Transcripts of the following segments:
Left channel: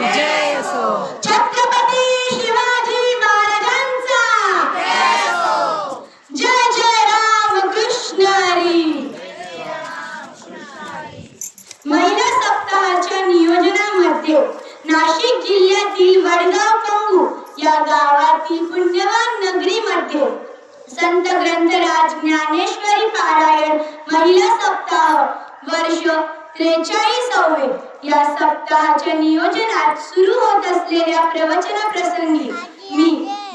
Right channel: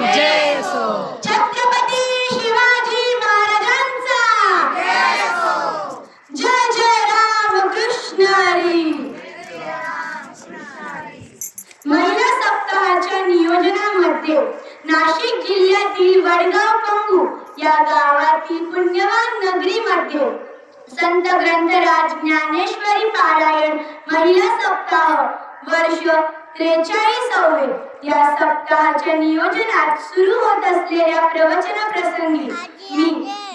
जय so. Chhatrapati Shivaji महाराजांचा. जय सो जय जय राम कृष्ण हरी महिला सप्ताहाच्या नियोजनामध्ये नाशिक जिल्ह्यातील वडगाव कंगू या गावातील पुण्यवान नगरीमध्ये संत ग्रंथराज ज्ञानेश्वरी पारायण महिला सप्ताह वर्ष त्रेचाळीसावे या सप्ताहाच्या नियोजनात सुरू होत असलेल्या प्रवचन प्रसंगी मी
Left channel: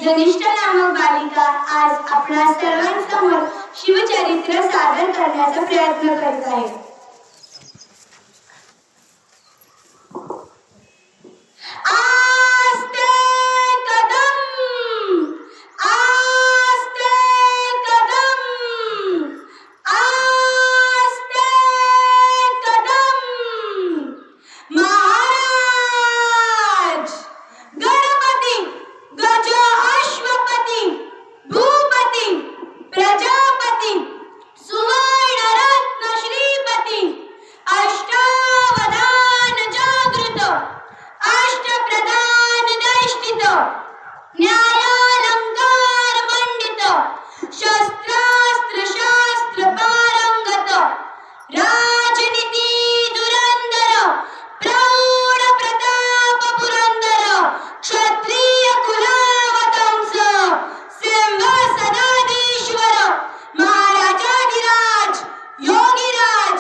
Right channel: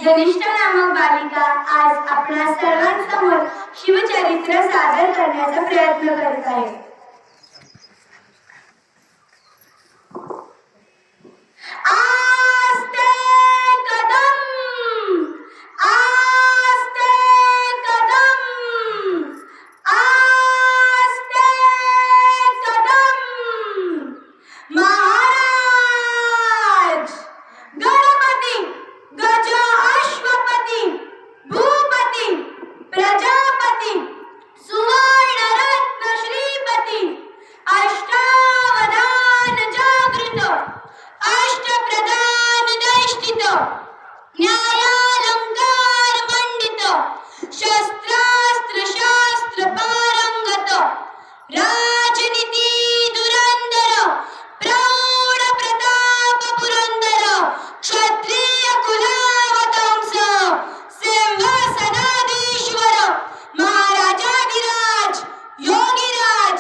जनिष्ठ नामक बालिका आज आपल्या सर्वांसमोर शिवचरित्र सादर करण्याचा प्रयत्न करत आहे आस्ते कदम आस्ते कदम आस्ते कदम महाराज गणपती गज अश्वपती भूपती प्रजापती सुवर्ण रत्न श्रीपती अष्टावधान जागृत अष्टप्रधान दैष्ठित न्यायालंकार मंडित शस्त्रास्त्र शास्त्र पारंगत राजनीती धुरंधर प्रौढ प्रताप पुरंदर क्षत्रिय कुलावतंस सिंहासनाधीश्वर महाराजाधिराज योगीराज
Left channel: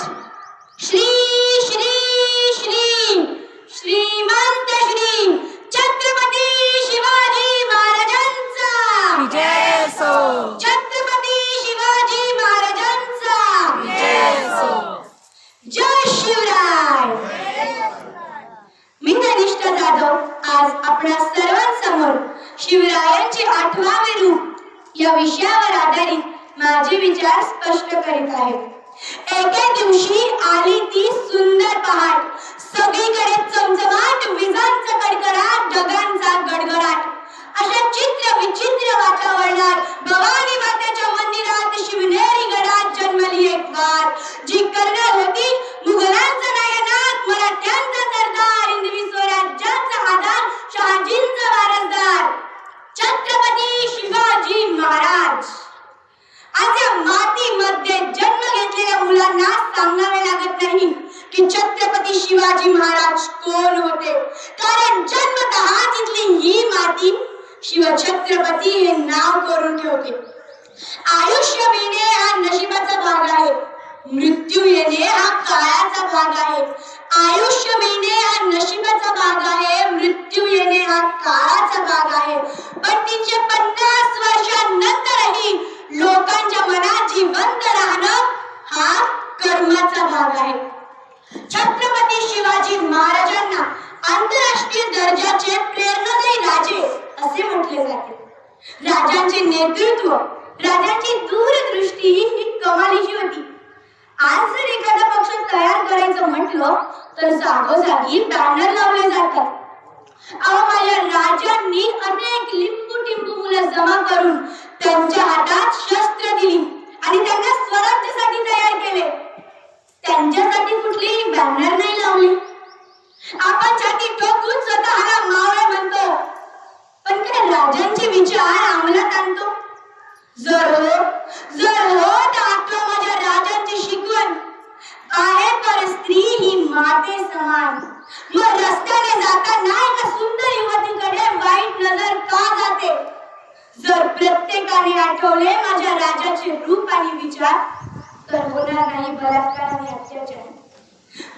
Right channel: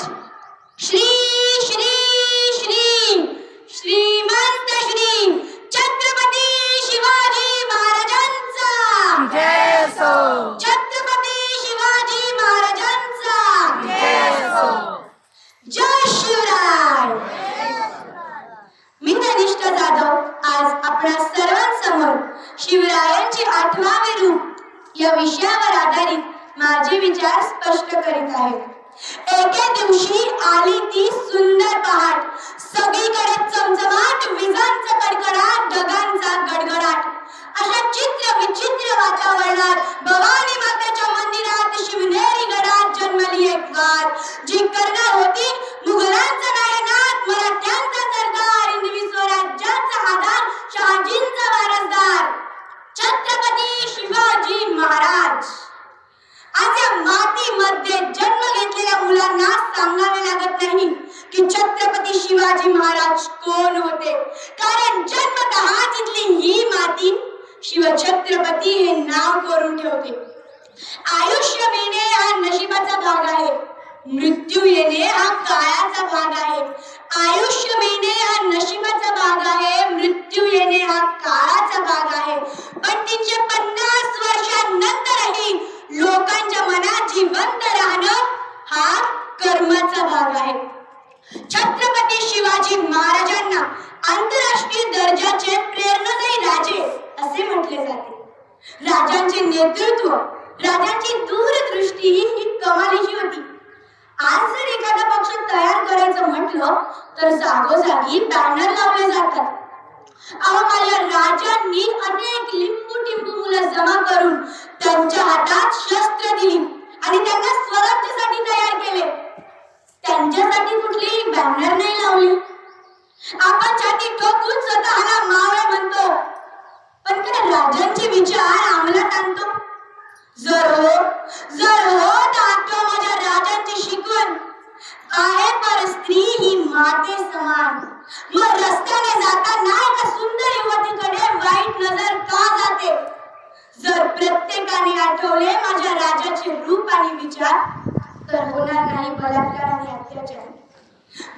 श्री श्री श्री श्रीमंत श्री छत्रपती शिवाजी महाराजांचा जय असो छत्रपती शिवाजी महाराजांचा जय असो जय शिवराय मी धनिष्ठ जाधव आज आपणा सर्वांसमोर शिवरायांचे आठवावे रूप या विषयावर आधारित माझे विचार स्पष्ट करीत आहेत. एके दिवशी आली ती सुंदर पहाट सगळीकडे चमचमाट विजांचा कडकडाट ढगांचा गडगडाट अशा चित्र विचित्र वातावरणात भवानी मातेच्या मंदिरात शिवनेरी गडात जन्मली एक वाट जी करणार होती मुघलांचा नायनाट मराठ्यांचा सरदार हिंदवी स्वराज्याचा आधार शहाजींचा वारसदार छत्रपती शिवाजी महाराज आज या मातीमध्ये जन्म घेतलेल्या मुलांना सांगावे लागत नाही की छत्रपती शिवाजी महाराज कोण होते कारण जन्मतः तिथली ही माती शिवछत्रपती हे नाव करून ठेवते आयुष्य मिळणे हा नशिबाचा भाग आहे मृत्यू येणे हा काळाचा भाग आहे. आयुष्य मिळणे हा नशिबाचा भाग आहे मृत्यू येणे हा काळाचा भाग आहे. पण तीनशे पन्नास वर्षांनंतरही लोकांच्या मनात जिवंत राहणं हा कर्माचा भाग आहे. छत्रपती शिवाजी महाराजांना आंतरराष्ट्रीय दर्जाचे प्रेरणादायी राजे असे म्हटले जाते. राजांचे नेतृत्व राजांची दूरदृष्टी ही कमालीची होती. आज जर एखादा पक्ष तयार करायचं म्हटलं तर जागोजागी बॅनर लावले जातात. अहो माझ्या राजांनी अनेक लिंबू टिंबू मुलं जमा करून त्यांच्या हातात शस्त्र दिली आणि त्यांना स्वराज्यासाठी तयार केले त्यांच्यासाठी कुठलीही बॅनर नाही लावली आपण छाती ठोकून स्वतःला मावळा म्हणतो पण काय राजांचे विचार अंमलात आणतो जर हो जर हो तर आठवा माझ्या राजांची शिकवण आहे पर स्त्री ही माते समान मग रस्त्याने जाताना एका सुंदर युवतीकडे वाईट नजर का जाते जर प्रत्येकाने आठवले माझ्या राजाचे रूप आणि विचार तर होणार नाही बलात्कार आणि अत्याचार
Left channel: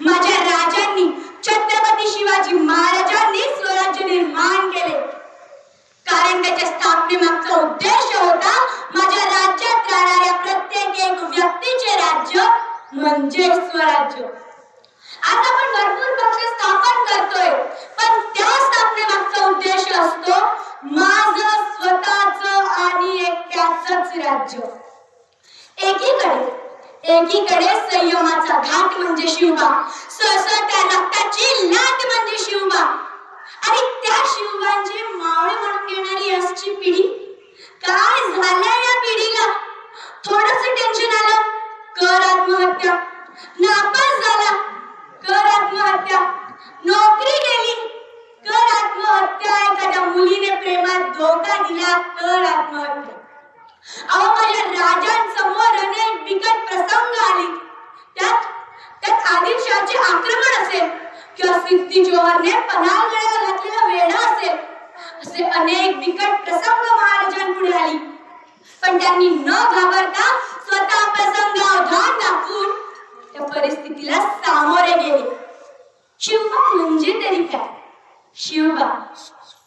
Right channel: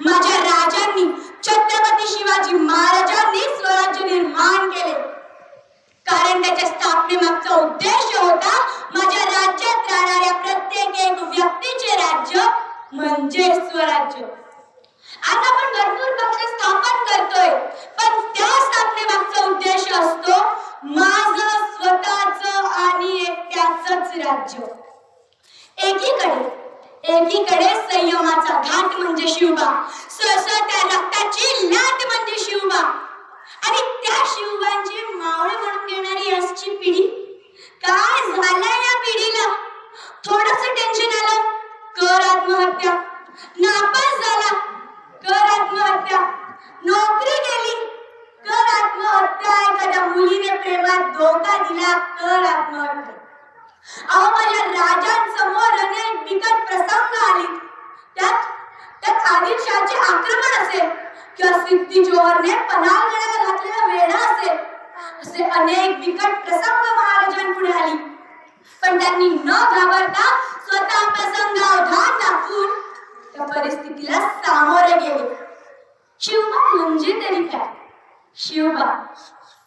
माझ्या राजांनी छत्रपती शिवाजी महाराजांनी स्वराज्य निर्माण केले. कारण त्याच्या स्थापनेमागचा उद्देश होता माझ्या राज्यात राहणाऱ्या प्रत्येक एक व्यक्तीचे राज्य म्हणजे स्वराज्य. आज आपण भरपूर पक्ष स्थापन करतोय पण त्या स्थापनेमागचा उद्देश असतो माझ स्वतःच आणि एकट्याच राज्य. एकीकडे एकीकडे संयमाचा घाट म्हणजे शिवबा सहसा त्याला रक्ताची लाट म्हणजे शिवबा आणि त्या शिवबांची मावळे म्हणून घेणारी आजची पिढी काय झालंय या पिढीला थोडस टेन्शन आलं कर आत्महत्या नापास झाला कर आत्महत्या नोकरी गेली धोका दिला तर आत्महत्या अहो माझ्या राजांसमोर अनेक बिकट प्रसंग आले त्यात त्यात आदिलशहाचे आक्रमण असेल किंवा सिद्धी जोहरने पन्हाळगडाला घातलेला वेढा असेल असे अनेक बिकट पुढे आली. पण त्यांनी न घाबरता स्वतः प्रसंगावधान दाखवून त्या परिस्थितीला सामोरे गेले. शिवबा म्हणजे तरी काय? शिवबा.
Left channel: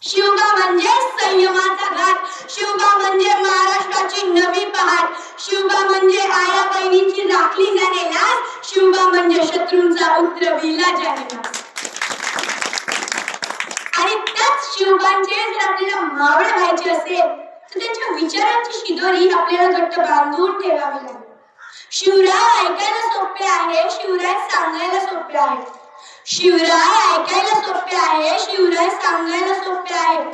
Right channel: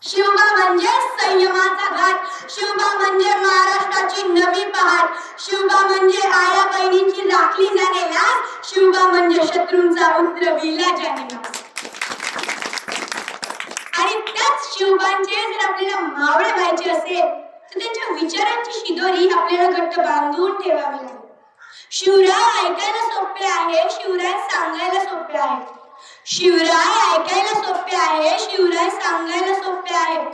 शिवबा म्हणजे संयमाचा घाट. शिवबा म्हणजे महाराष्ट्राची नवी पहाट शिवबा म्हणजे आया बहिणीची राखली जाणे शिवबा म्हणजे शत्रूंचा उतरविला जाणे त्याच जर आपल्याला मावळे व्हायचे असेल तर त्यांच्या विचारांची शिदोरी आपल्याला घट्ट बांधून ठेवावी लागेल. शिवराय ऐकायला सोपे आहे शिवराय सांगायला सोपे आहे. शिवराय ऐकायला सोपे आहे शिवराय सांगायला सोपे आहे.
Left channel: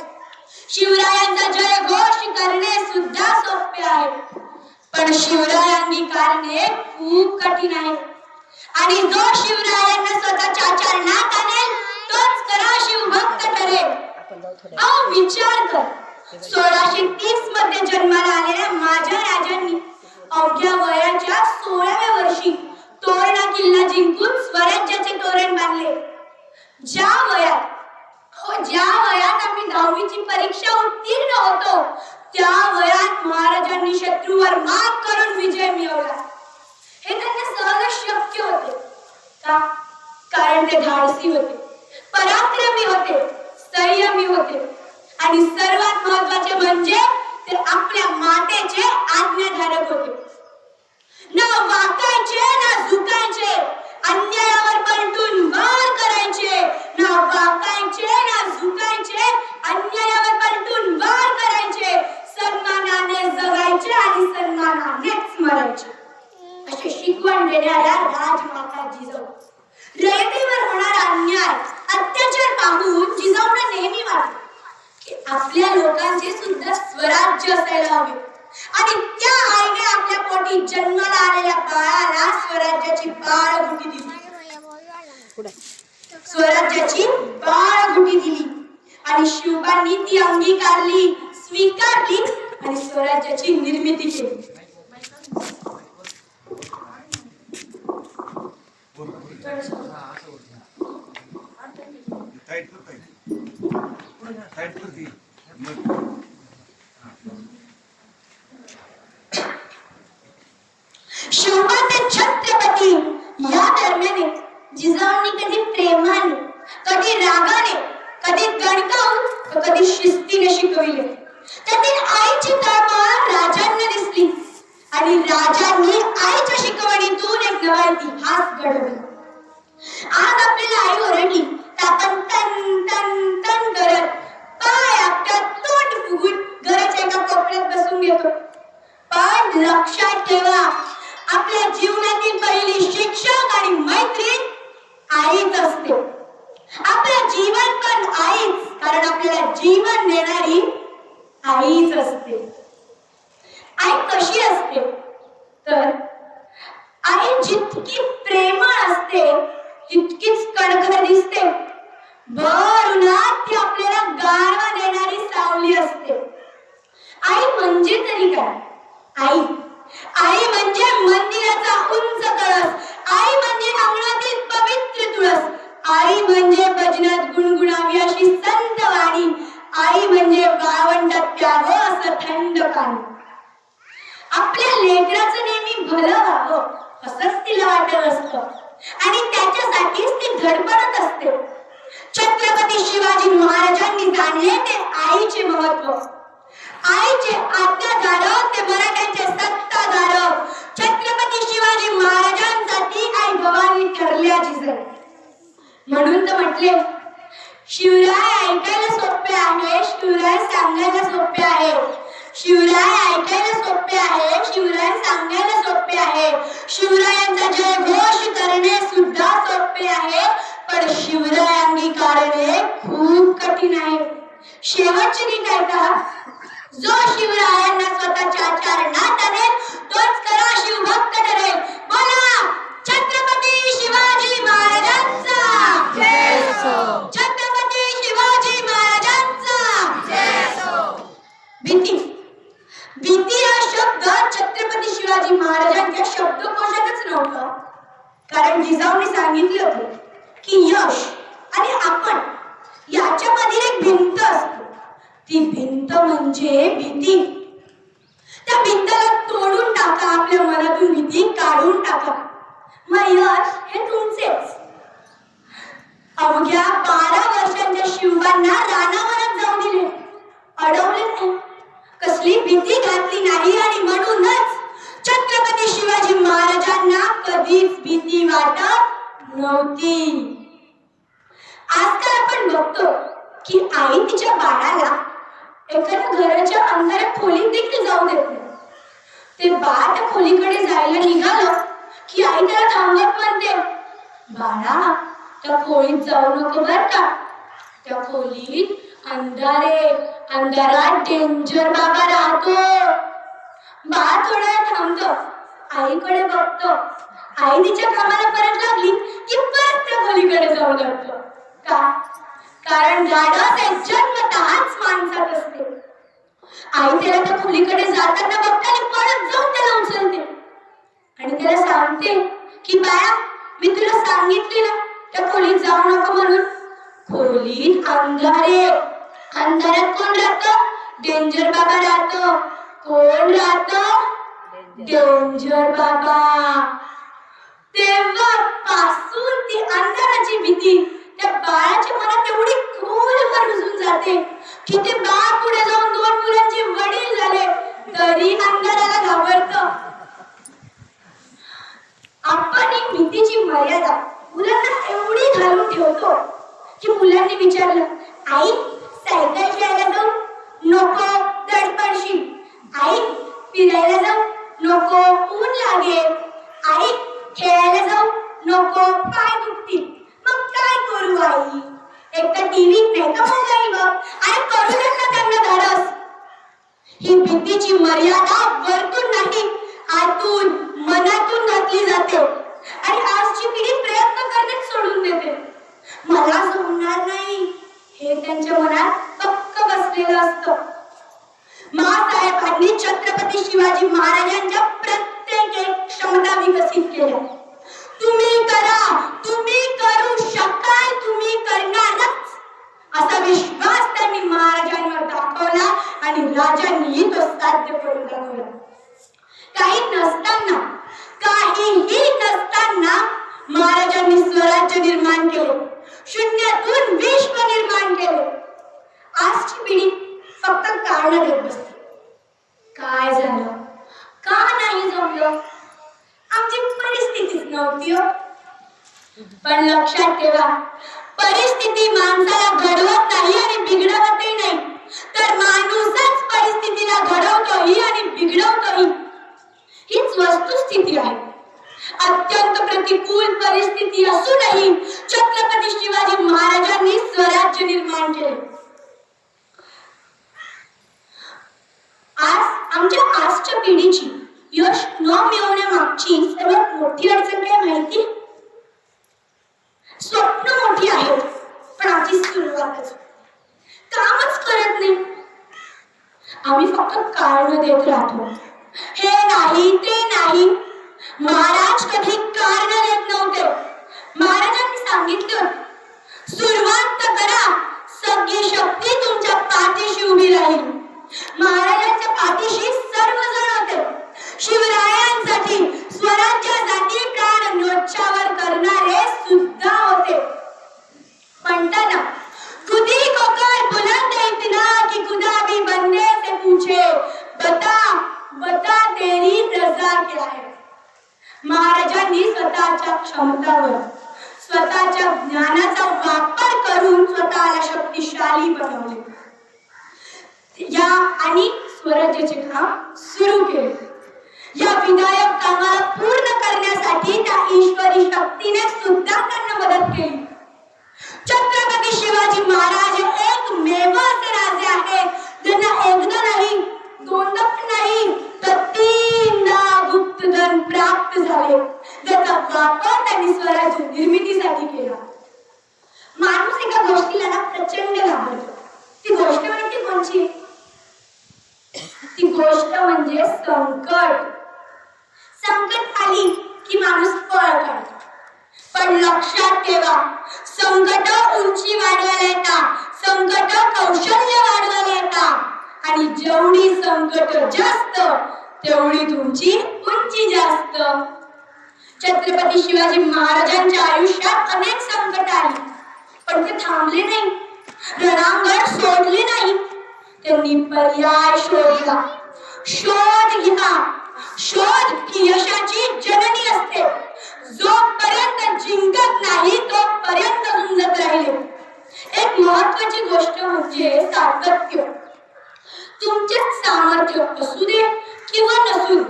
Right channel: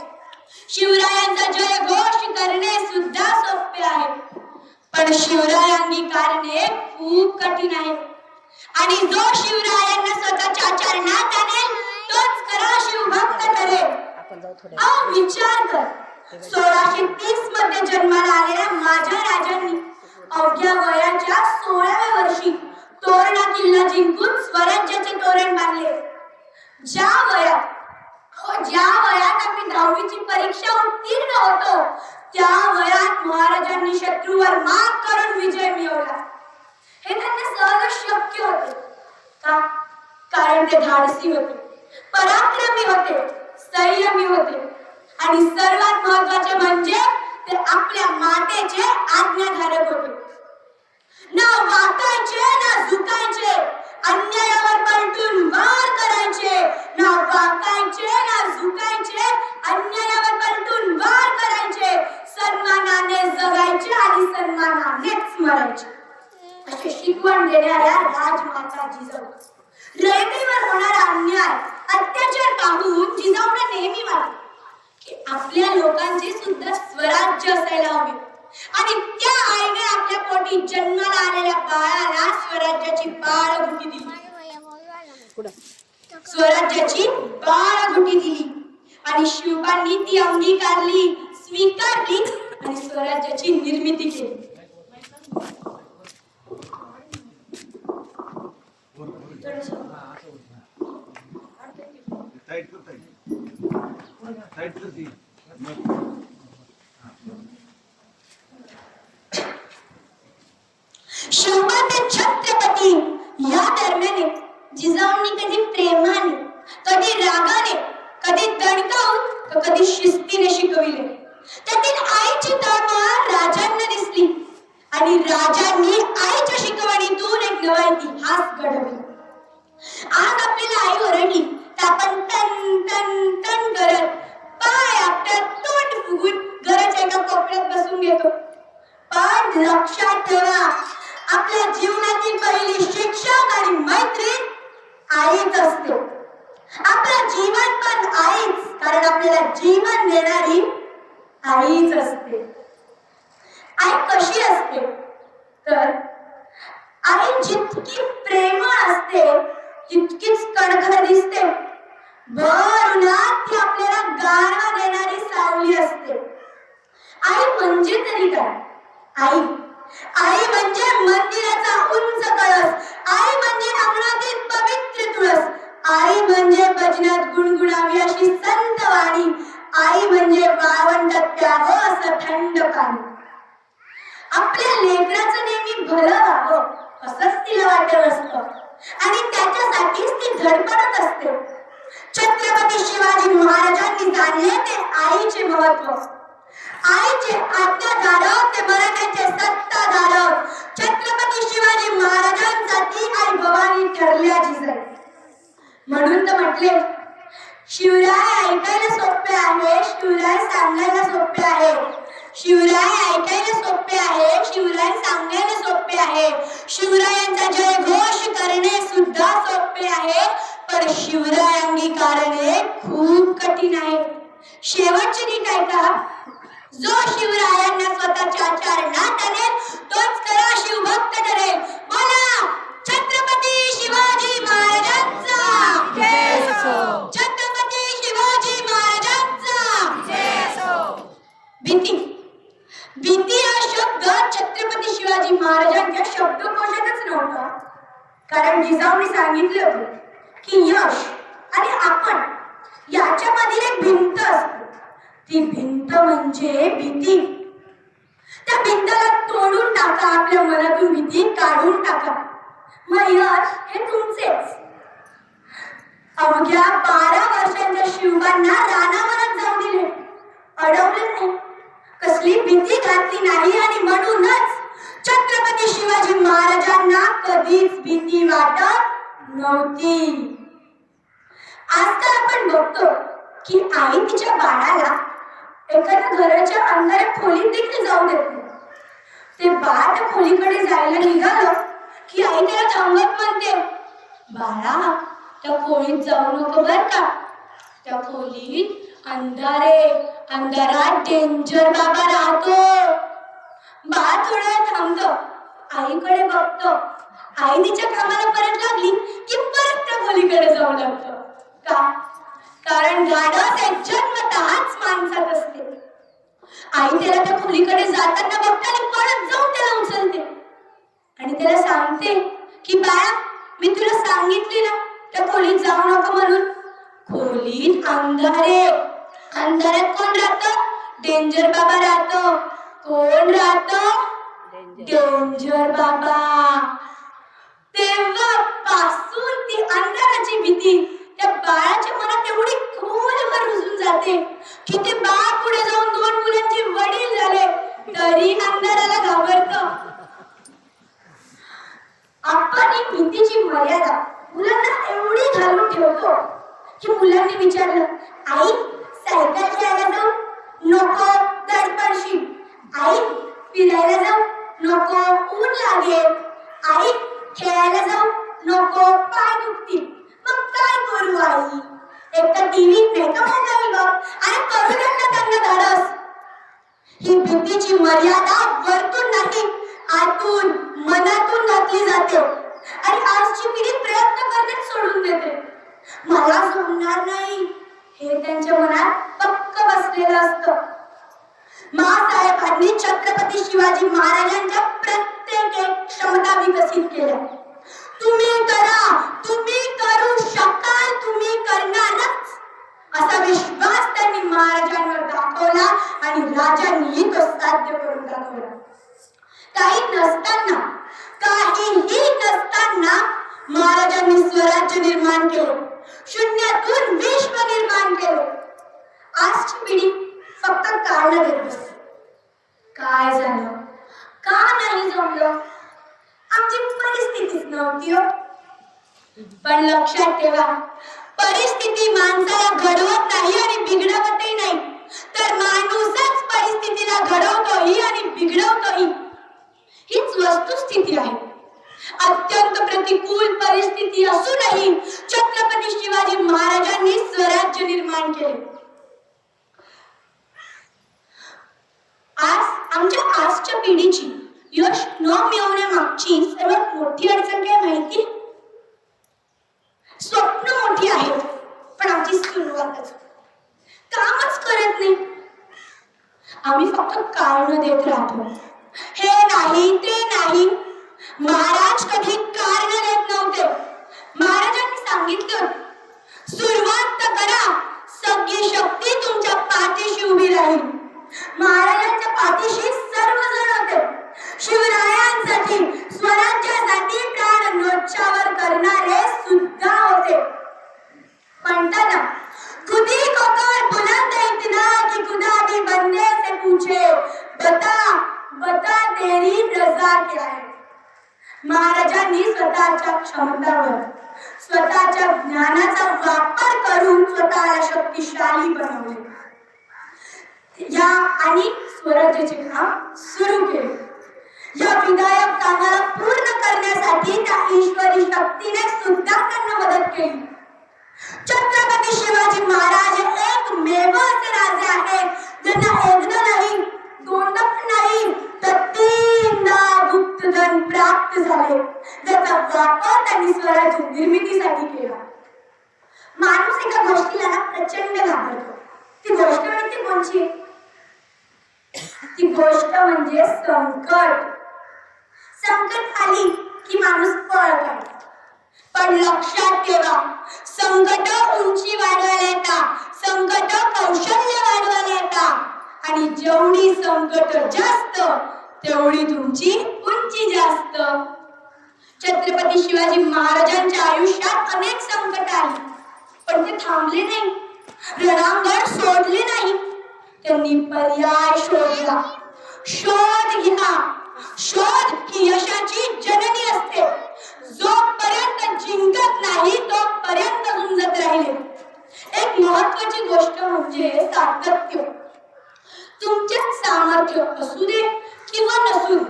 शिवरायांचा जय घोष करणे सुद्धा सोपे आहे. पण शिवरायांनी करणे खूप कठीण आहे. आणि जो शिवरायांना स्वतःच्या चरणात आणेल तोच खरा शिवभक्त ठरेल. अहो विचार कर सोळाशे तीसमध्ये जन्माला आलेल्या माझ्या राजांनी अवघ्या वयाच्या सोळाव्या वर्षी तोरणा किल्ला जिंकून स्वराज्याचे तोरण बांधले. ज्या वयात हो ज्या वयात आम्ही दहावीची परीक्षा उत्तीर्ण होतो त्या वयात महाराजांनी शत्रूवर मात करून विजय मिळवला. हे त्यांना सहज शक्य होते. का? कारण ते धाडसी होते. पराक्रमी होते. संयमी होते. आणि सर्वात महत्त्वाचे म्हणजे ते आपल्या मातेचे आज्ञाधारक होते. ना वाकायचे ना झुकायचे अन्यायावर पलटून वार करायचे. ना वाकायचे ना झुकायचे अन्यायावर पलटून वार करायचे. सन्मानाने जगायचे आणि सन्मानानेच मरायचे. असे शिकवण देणाऱ्या राजमाता जिजाऊ. रयतेवर होणारा अन्याय अत्याचार पाहून जिजाऊंना नेहमी वाटत की आपल्या लोकांचे सुद्धा स्वराज्य असायला हवे. आणि त्या आईने आपल्या पोटी जन्माला आलेल्या बाळाला स्वराज्याची बाळगुटी दिली. स्वराज्याची बाळगुटी दिली. आणि शिवबांनी ती अंगीकारली स्वीकारली आणि स्वराज्याची निर्मिती केली. टाईट टाईट टाईट कर ती मग शिवबा ते छत्रपती या दरम्यान जिजाऊंनी कधी प्रेमाने कधी रागाने कधी दणकावून तर कधी शिस्तीने शिकविले त्यातील आईची तळमळ राजांना दिसली आणि राजांनी आईच्या शिकवणीतून एक नवा इतिहास घडवला आज आपल्याला आई ओरडली तर आपण तन तन तन करत पाय आपल्या तोंड फुगून घराच्या एका कोपऱ्यात बसून घेतो पण लक्षात ठेवा. आपल्या जीवनातील पहिली शिक्षक आणि मैत्रीण आईच असते. आपलं जीवन पण आईच कारण आपल्याला जीवन देणारी आईच असते. आई कशी असते? तर आई जितकी प्रेमळ असते तितकीच कणखर दिसते. भर उन्हात ती आपल्याला गारवा देणारी सावली असते. आई म्हणजे तरी काय? आई. आई म्हणजे मंदिराचा उंच कळस. आई म्हणजे अंगणातील पवित्र तुळस. आई म्हणजे भजनात गुणगुणावी अशी संत वाणी. आई म्हणजे वाळवंटात प्यावं असं थंड पाणी. आपल्या लेकराचं नेहमी भलं व्हावं असंच तिला वाटत असतं. आणि त्याच्यासाठीच ती धडपडत असते. छत्रपती शिवाजी महाराजांनी जाणले ते आईचे महत्त्व. आईचे आज्ञाधारक ते मराठ्यांचे सत्ताधारक. छत्रपती शिवाजी महाराजांसाठी आई भवानी ठरल्या जिजाई म्हणून तर म्हटले शिवराय ऐकायला सोपे आहे शिवराय सांगायला सोपे आहे. शिवराय ऐकायला सोपे आहे शिवराय सांगायला सोपे आहे. शिवरायांचा जय घोष करणे सुद्धा सोपे आहे पण शिवराय अंगीकारणे खूप कठीण आहे. शेवटची नीट ऐका जो शिवरायांना स्वतःच्या चरणात आणेल तोच खरा शिवभक्त ठरेल. बोला छत्रपती शिवाजी महाराजांचा. छत्रपती शिवाजी महाराजांचा. भीती. भीती हा शब्द छत्रपती शिवाजी महाराजांच्या शब्दकोशातच नव्हता. कारण जिजाऊने सांगितलं की यश आणि आपण याच्यामधील एक भिंत असते. ती भिंत म्हणजे भीती. त्या भिंतला तोडून टाका आपल्या मनातून भीती काढून टाका. मग यश हे तुमचेच. अवघ्या बारा वर्षांच्या शिवबांना रानावनात जाऊ दिले. अडवले नाही. कसली भीती घातली नाही आणि म्हणूनच छत्रपती शिवाजी महाराजांना कधीच भीती वाटत नव्हती. आजकाल आपण बघतो की आई तिच्या बाळाला एखाद्या घराच्या अंधाऱ्या खोलीत देखील जाऊ देत नाही. ते बाळ त्या खोलीकडे जायला निघालं की आई त्याला थांबत म्हणते बाळा त्या खोलीत जाऊ नको बर का. त्या खोलीत अंधारे अंधारात डेंजर बाबा राहतो. बाळ थोडा वेळ आईकडे बघत. आई तिच्या कामाला परत लागली की परत त्या खोलीकडे जाऊ लागतो. का? कारण धाडस हे जन्मतःच माणसात असते. आई त्याला त्या खोलीकडे जाताना बघताना परत जाऊन त्याला उचलते. आणि त्याला सांगते की बाळा मी तुला सांगितले ना त्या खोलीत जाऊ नको म्हणून. खोलीत अंधारे. अंधारात कोण राहतं? डेंजर बाबा राहत. कोण राहतं? डेंजर बाबा. तेव्हा पासून ती अंधाराची भीती त्या बाळाच्या मनात एवढी खोलवर रुजून जाते. की ते बाळ पुढे जाऊन दोन मुलांचे वडील झाले तरी अंधाराला घाबरत. आपण ही भीतीची मर्यादा मुलांना एवढी घालून ठेवतो. की मुलांनी विचारलं आई सायकल खेळायला जाऊ? नको दडपडशी. आई फिरायला जाऊ? नको ऊन लागेल. आई खेळायला जाऊ? नको पाय दुखतील. मग काय करू आई? एक तर टीव्ही नाही का जाईल बघ आणि करू देत ना त्यांना धाडस ही भीतीची मर्यादा वरतून नाही आतून मनातून घातली जाते. आणि आजची पिढी प्रयत्न करण्यात सोडून देते. मला सोडणार नाही हे त्यांच्या मनात पक्क बसलेलं असतं. महासाहेबांनी छत्रपती शिवाजी महाराजांच्या प्रत्येक एक क्षमता विकसित केल्या. तुम्ही करा तुम्ही करू शकाल तुम्ही करणारच. असा विश्वास त्यांनी महाराजांवर दाखवला आणि राजांनी तो साध्य करून दाखवला. काही नसताना काहीही नसताना महाराजांनी स्वराज्य निर्माण केले. शून्यातून विश्व निर्माण केले. आजची पिढी फक्त कारण देत बसते काय झालं? का नाही जमलं? नव्हती हो. पण लक्षात ठेवा परिस्थिती माणसाला घडवत नाही आणि बिघडवतही नाही. तर माणूसच परिस्थितीला घडवतोही आणि बिघडवतोही. हीच वस्तुस्थिती आहे. अत्यंत प्रतिकूल परिस्थिती असूनही छत्रपती शिवाजी महाराजांनी स्वराज्य निर्माण केले. आज आमच्या आजच्या पिढीची यश न मिळवण्यामागची सर्वात मोठी अडचण काय माहिती? स्वप्न मोठी आहेत पण आधी सुरुवातच. कामच करत नाही. आम्ही फक्त कारण देत राहतो. हे नाही ते नाही. महाराज कधी कारण देत नव्हते. महाराजांनी सांगितलं सुरुवात तर करा सगळी शक्ती तुमच्या पाठीशी उभी राहील. महाराजांच्या पाठीशी शिवरायांसाठी स्वराज्यासाठी प्राण नोच्छावर करणारे सुद्धा होते म्हणताना खुदी को कर बुलंद इतना कि खुदा भी बंदे से पूछे बता बता तेरी रजा क्या है महाराजांनी स्वतःच्या क्षमतावर स्वतःच्या ज्ञानाचा वापर करून स्वतःला शक्तिशाली बनवले या आणि स्वराज्याचे काम सुरू केले या विधायक कामाला पूर्ण करण्यासाठी त्या ईश्वरी शक्तीने सुद्धा त्यांना मदत केली छत्रपती शिवाजी महाराज हे एकमेव असे राजे आहेत ज्यांना एकदा नाही दोनदा पण नाही तर तीनदा गुप्तधन प्राप्त झाले ज्याचा वापर त्यांनी स्वराज्य निर्मितीसाठी केला माणूस एका गोष्टीला ना प्रचंड घाबरतो ती गोष्ट माहिती कोणची ती गोष्ट म्हणजे संकट संकट आली की माणूस पळ काढतो पण लक्षात ठेवा संकट उंची वाढवायला येतात संकट कौशल्य वाढवायला येतात आणि जेवढी संकट जास्त तेवढी तुमची उंची जास्त. छत्रपती शिवाजी महाराजांच्या आयुष्यात अनेक संकट आली पण ते थांबले नाही. रणांगण सोडले नाही. त्यांनी पर्याय शोधला. शोध घ्या. शोध ही यशाची जननी असते. जोपर्यंत जिंकत नाही तोपर्यंत झुंजत राहिले. एक महत्वाची गोष्ट म्हणजे सातत्य. तुमचे सामर्थ्य असू दे किंवा नसून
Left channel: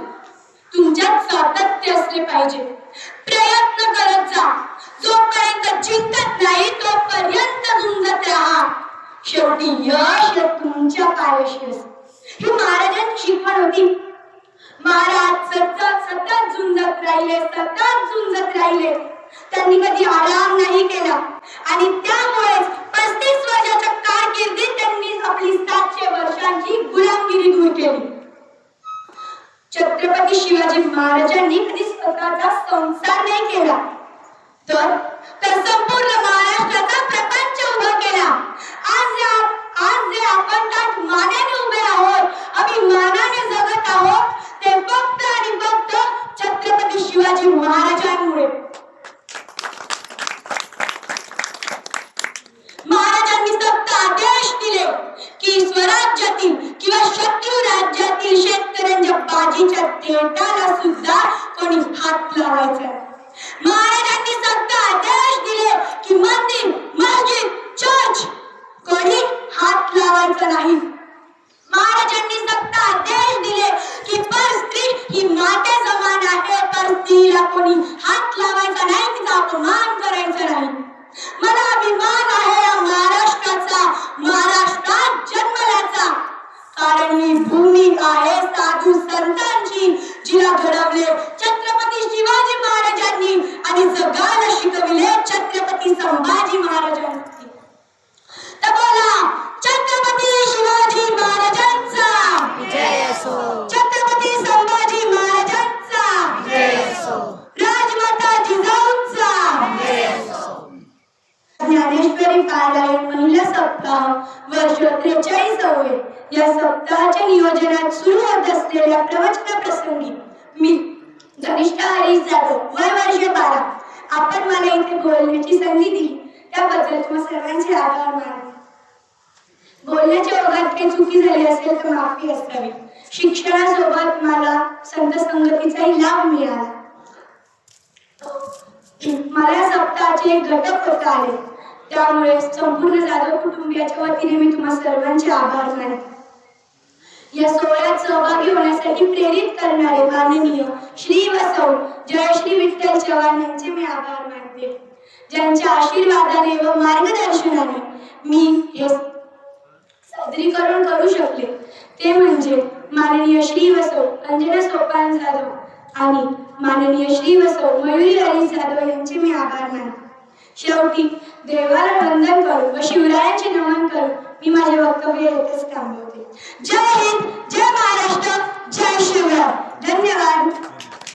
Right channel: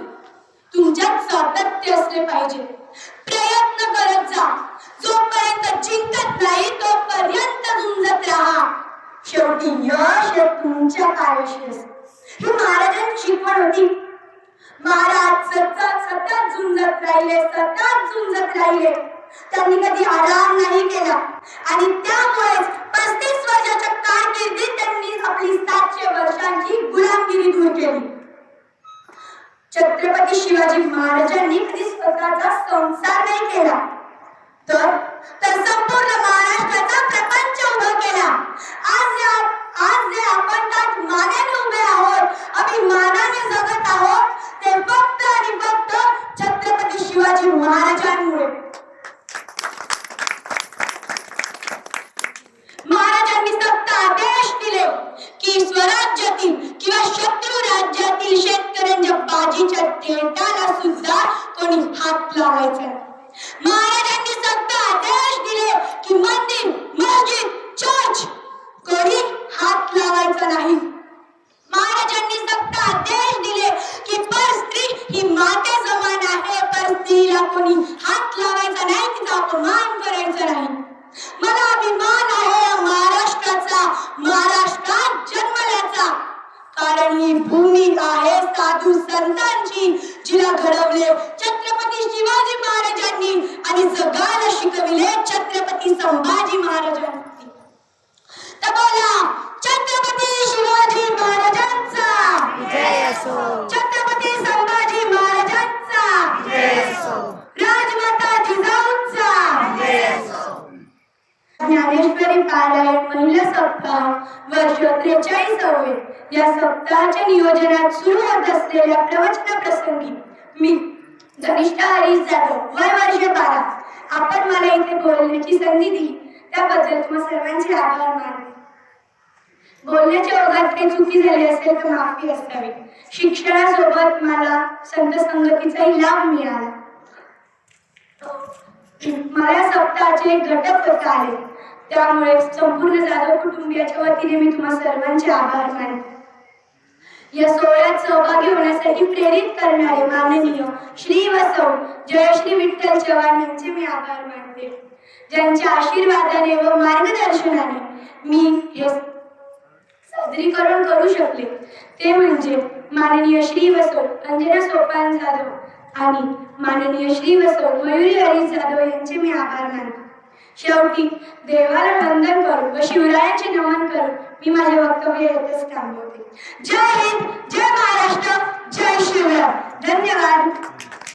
तुमच्यात सातत्य असले पाहिजे. प्रयत्न करत जा. जोपर्यंत जिंकत नाही तोपर्यंत झुंजत राहा. शेवटी यश हे तुमच्या पायाशी ही महाराजांची शिकवण होती. महाराज सतत सतत झुंजत राहिले सतत झुंजत राहिले. त्यांनी कधी आराम नाही केला. आणि त्यामुळेच पस्तीस वर्षाच्या कारकिर्दीत त्यांनी आपली सातशे वर्षांची गुलामगिरी दूर केली. छत्रपती शिवाजी महाराजांनी कधी स्वतःचा संसार नाही केला. तर तर संपूर्ण महाराष्ट्राचा प्रपंच उभा केला. आज या- आज जे आपण त्यात मानाने उभे आहोत अभिमानाने जगत आहोत ते फक्त आणि फक्त छत्रपती शिवाजी महाराजांमुळे. महाराजांनी फक्त आदेश दिले. की स्वराज्यातील किंवा शत्रू राज्यातील शेतकऱ्यांच्या बाजीच्या तेटाला सुद्धा कोणी हात लावायचा? महाराजांनी सक्त आदेश दिले की मंदिर मस्जिद चर्च कोणी हात लावायचा नाही. महाराजांनी सक्त आदेश दिले की पर स्त्री ही माते समान आहे पर स्त्रीला कोणी हात लावायचा नाही तिचा अपमान करायचा नाही मला अभिमान आहे या महाराष्ट्राचा महाराष्ट्रात जन्मल्याचा कारण ही भूमी आहे साधू संतांची जिला घडवले छत्रपती शिवाजी महाराजांनी आणि जगाला शिकविले छत्रपती संभाजी महाराजांनी तर बोला छत्रपती शिवाजी महाराजांचा जय असो छत्रपती संभाजी महाराजांचा जय असो राजमाता जिजाऊंचा जय असो ज्ञानेश्वरी कार्यालय महिला सप्ताह वर्ष त्रेचाळीसावे या सप्ताहाच्या नियोजनात सुरू होत असलेल्या प्रवचना प्रसंगी मी धनिष्ठा हरीश जाधव वय वर्ष बारा. आपण मला इथे बोलण्याची संधी दिली. त्याबद्दल तुम्हा सर्वांचे आभार मानले. बोलण्याच्या ओघात काही चुकी झाली असेल तर माफी असावी. शिक्षणासोबत मला संत संगतीचाही लाभ मिळाला. मला सप्ताहाचे घटक करता आले. त्यामुळे संपूर्ण जाधव कुटुंबियाच्या वतीने मी तुम्हा सर्वांचे आभार मानते. या सोहळ्यात सहभागी होण्यासाठी प्रेरित करणारे माननीय श्री वसव जयश्री विठ्ठल चव्हाण यांचे मी आभार मानते. ज्यांच्या आशीर्वादाने व मार्गदर्शनाने मी हे सादरीकरण करू शकले ते म्हणजे माननीय श्री वसो अंजना सोपान जाधव आणि माननीय श्री वसो मयुरी हरी जाधव यांचे मी आभार मानते. शेवटी देवाला वंदन करू व शिवरायांचे नमन करू. मी माझे वक्तव्य येथेच थांबवते. जय हिंद जय महाराष्ट्र जय शिवराय. धन्यवाद.